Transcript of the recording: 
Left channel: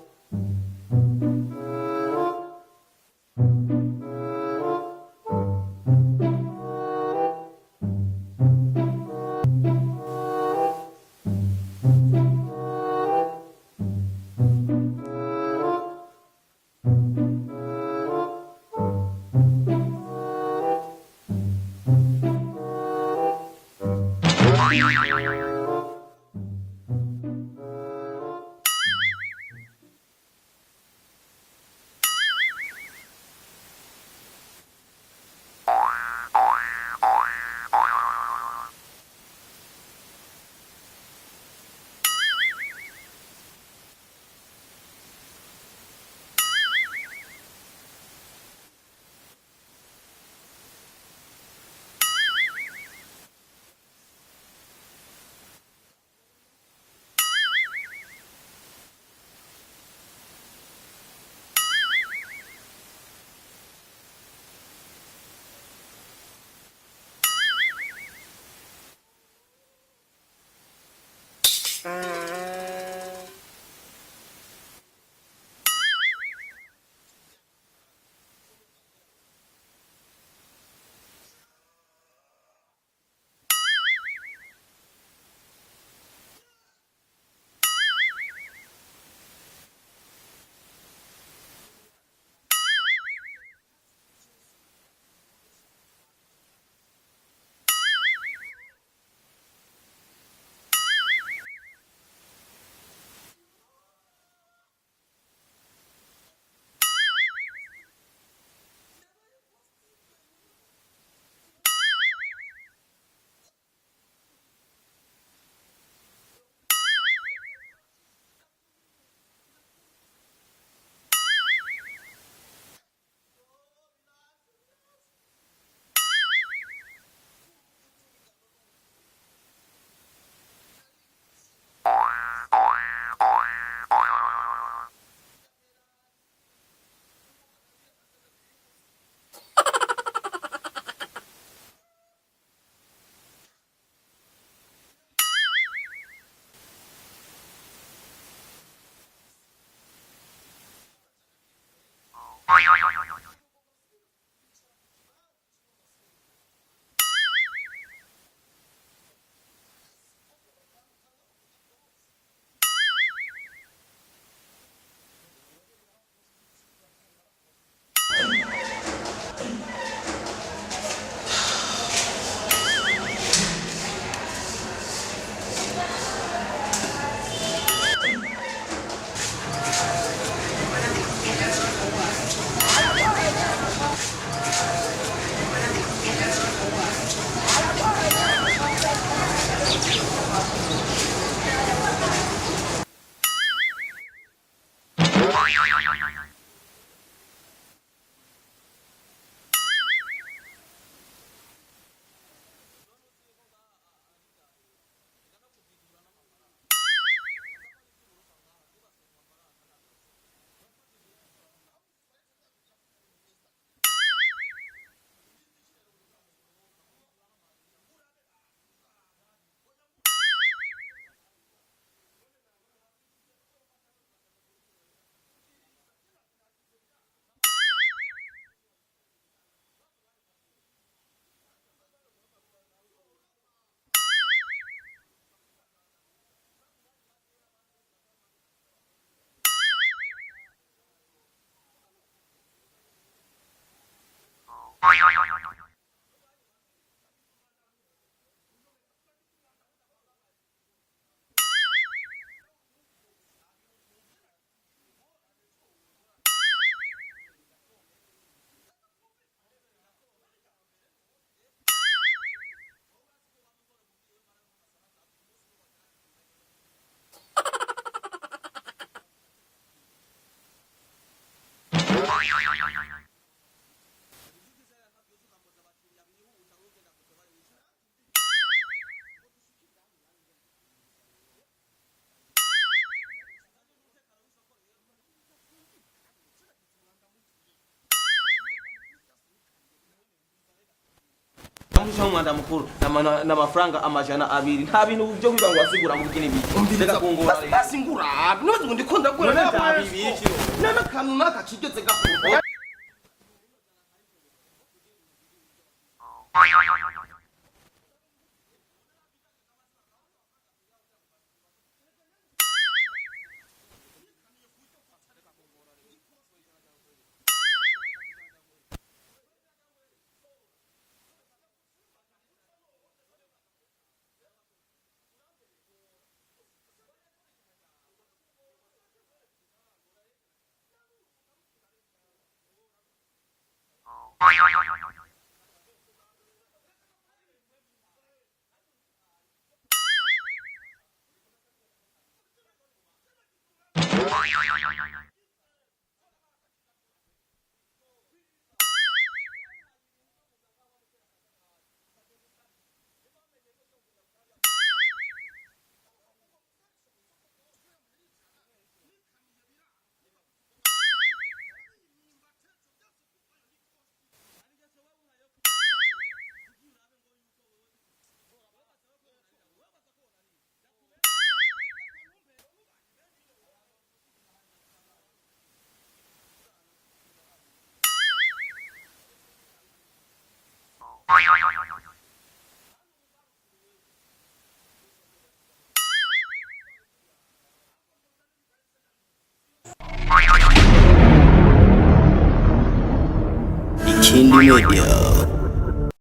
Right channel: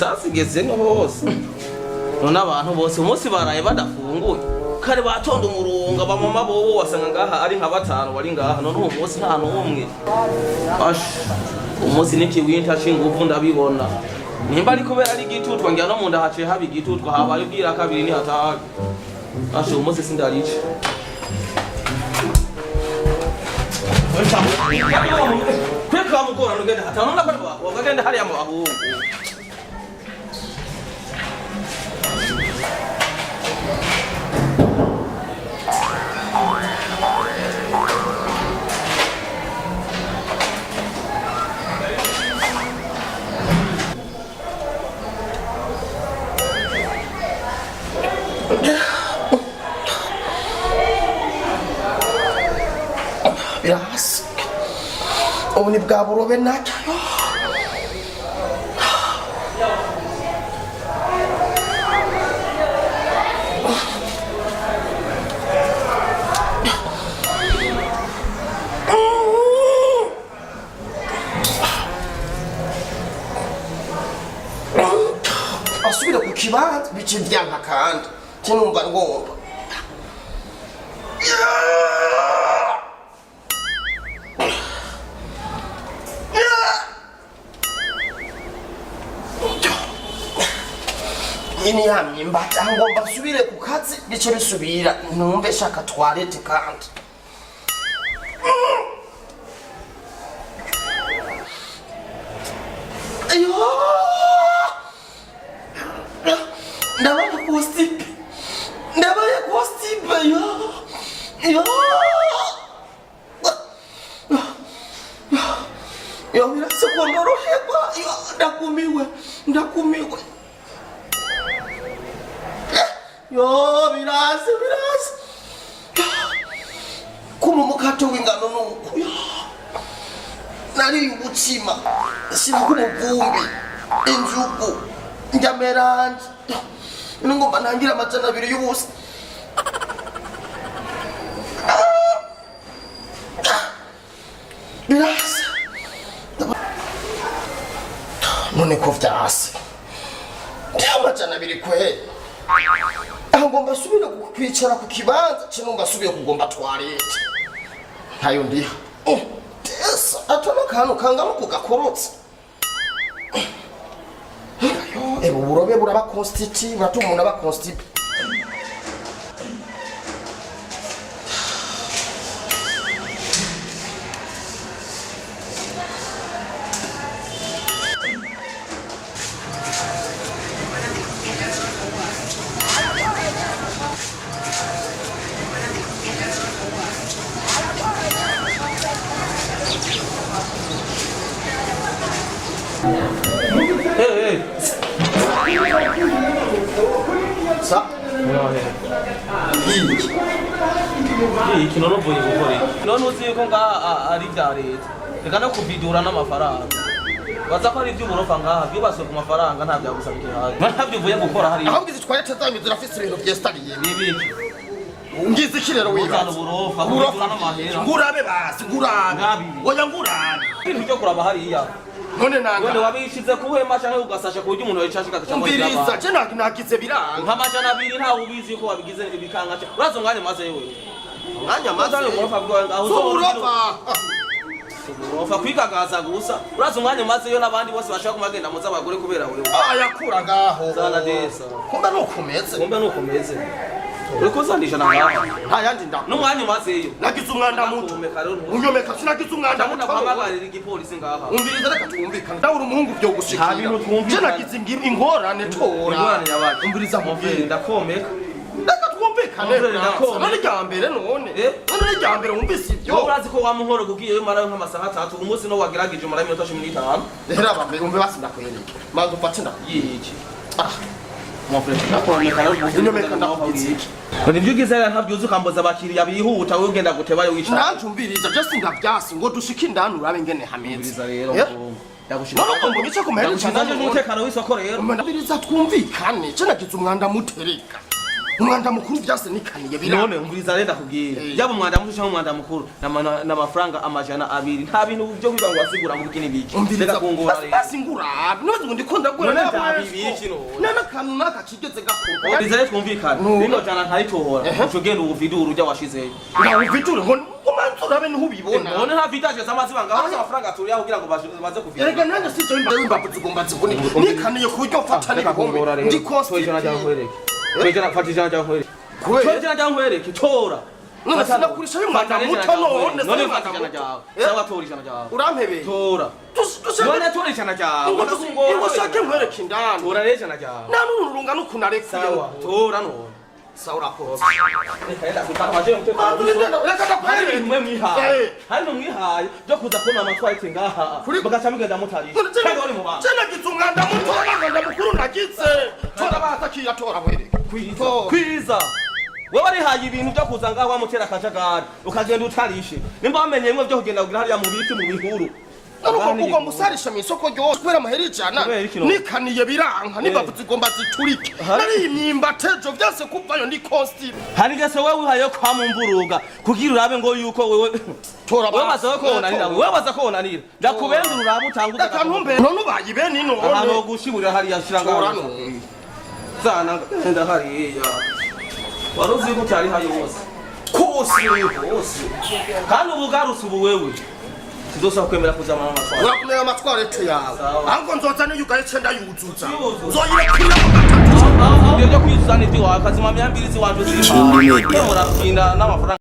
isasi igeze no hose none abantu bose umunsi baraye badafunguye kare batonda umurunga bamama bobo wasanga ngaha ari nka batanu bari ngaha none uwo munsi nta n'umwe umunsi n'ikiwinta shinguvu ndabibona nimba ari kubera ari igitutwa ngira no mu nda haciye haba igitutwa habaye ubwira kabiri ni hatari umunsi sindarice kweka mukora nugende hatano nakora wakagenda hali ya mabu Yes. Ubu ni bwa burobe nacyo. Asubira ku kibanza bice byanka kandi kinumva ngomba. Ini yamye mbata ngomba subire ku kazi bice bisubira numve shaka toilette kandi ayo ndabaye constipe yo birase ko ndoroherwa ndakumiwe yo birase kuma mukato w'ingano nuko nari ubutsima simukuru vumbi inzugu njyameranje ngomba ntangira amajana abiri y'ubusa birase none ko vyase amajana abiri kweli ngomba subira kwicara ku kibanza kinumva subiye kugomba toilette ntayo ndiha tesa atona kantu kangana kugakorotse ebo burobe buraba constitute batumuna ba constipe Kinono boye gukore none uzi yuko nga ari bya leta reka no kubidura n'amafaranga baza ko ari iby'uburofa ngaha byubaswe ku mafaranga nta byagusabike haje ntabyivuye gukora hari ahubwo izi twari tazanyu zirafise ibintu byestariye nibiki ngize ikirero wibaza uburofa n'amahera ngurabe basi ngurabe oya ngurabe ibintu byo kuraba hariya none nanga wabishize kuhema cyangwa ugasasha ku buryo umuntu yicashika cyangwa umviriza je nagize biranga nk'amajana abiri ntawe ubizi ko wabigize ibikanga cyo urazo ngane maze yewe mwanya maze uburofa bwawe aho uburofa kwikagaza gusa urazo ngane maze yo nabandi bose bashaka kumagenda muza abagore kubera uri ayakura ngaho zana desa kumbe nukomeze uriko zandisha nanga nta yandi nda n'umwanya maze yo nagize umwanda muto unyomeka sinagize umwanda muto ndamubagarira igipolisi ngaha umviriza reka twumvikane ndabura umuhungu byo gushikira je nagize ingorane tora umviriza muvye ndakomeka reka twumvikane none ryambere none ryambere wumvise ibyo urazi ko wamuhoro kugiye yo marayo nk'amasaha 3 umunsi no wagiragije mara iminota 15 rero abambe umve basi ndakwereka manzo ufate yiki nibyo ugize ntabyo ukamboza abakiriya bihuta wowe ugenda gutebayo wicara nanjumviriza just ndabyasi ngo dushike indani urabe ngene hameze rero yagushira ngo bice kumera cyane n'umutekano w'isoko rero ndabiriza twumvikane cyo nagize umwanda mutereka umwanda mukuru byase nikaniye bira none umviriza renda kubwira yaba umwanda muto cyangwa umwanda mukuru n'amafaranga amajana 2 nta bintu byo kwiba ngo asigura mu bikini biki reka kungura rero asingura nibaze ngo ndikunda gura Igikino. nana kantu naka kigeze gakora Odizere twumvikana. Rino jana ntayitohora. Ucugenda uvidura urya washizeyo. ngaho viture ngo umanzi urabe niho ubibona None nta vitaje z'amaziba ngaho amafaranga turi yaho kugira ngo baze kuvira. erega nanjye sije imbavu zigomba zibone nikaniye ku buryo mfata n'ibihombe ndi Tojana jya nkwereke. Tojana fatijana jya nkwereke. kubera Tojana jya nkwereke tora. none sinakurisha y'umwana muto none None fatijana jyawe. Sawa tora ijana jyawe. urampebeye Tora. None tora ijana jyawe. ngo shake nkwereke indani Tora rero ijana jyawe. nanu urunga nukunarekuye Sawa. Tora none. sawa urakoze Hari mwe mwihaye. Hari no mwihaye byo kuza kubona amatwarite ngaha. Bagaca mugenda mutarisha. Kandi uri mu bantu. nagize umwanda muto mukuru nagize tora batakiya tora bwereke Kwiza. Wewe warihaye ibintu byo kuza ngaho wamutera akajagari ukagenda utarishe. Nimba wamenye mwe byo kugenda kugira hariya mu biti mu bihuru. Naruko kuko musarisha misoko ryose kubera amahera ijana nikaniye biranka nibavu zigomba ziturike nari imyimba tejo byose kuvayo ni costi Hari gese wewe uhaye kwa mumburuga kugira urabe ngo yuko wewe tora wewe baza ko onanira wewe baza ko onanira ndakubenda urabe utanguza reka ntumbe none ubayibe ni none ahantu gushimurira hariya shiranga tora hano none zana ndenda hariya waruzi ko cyari hayo hose kandi ubugarutse ubu wewe Sizosa kwemera kuzama amatwara. urakumenya amatwara eto yawe ahubwo nzoza n'iyugaye cenda yuzuza Ndio kwizana ibyo wakazima myambirizi wanje. Ikindi media. N'amafaranga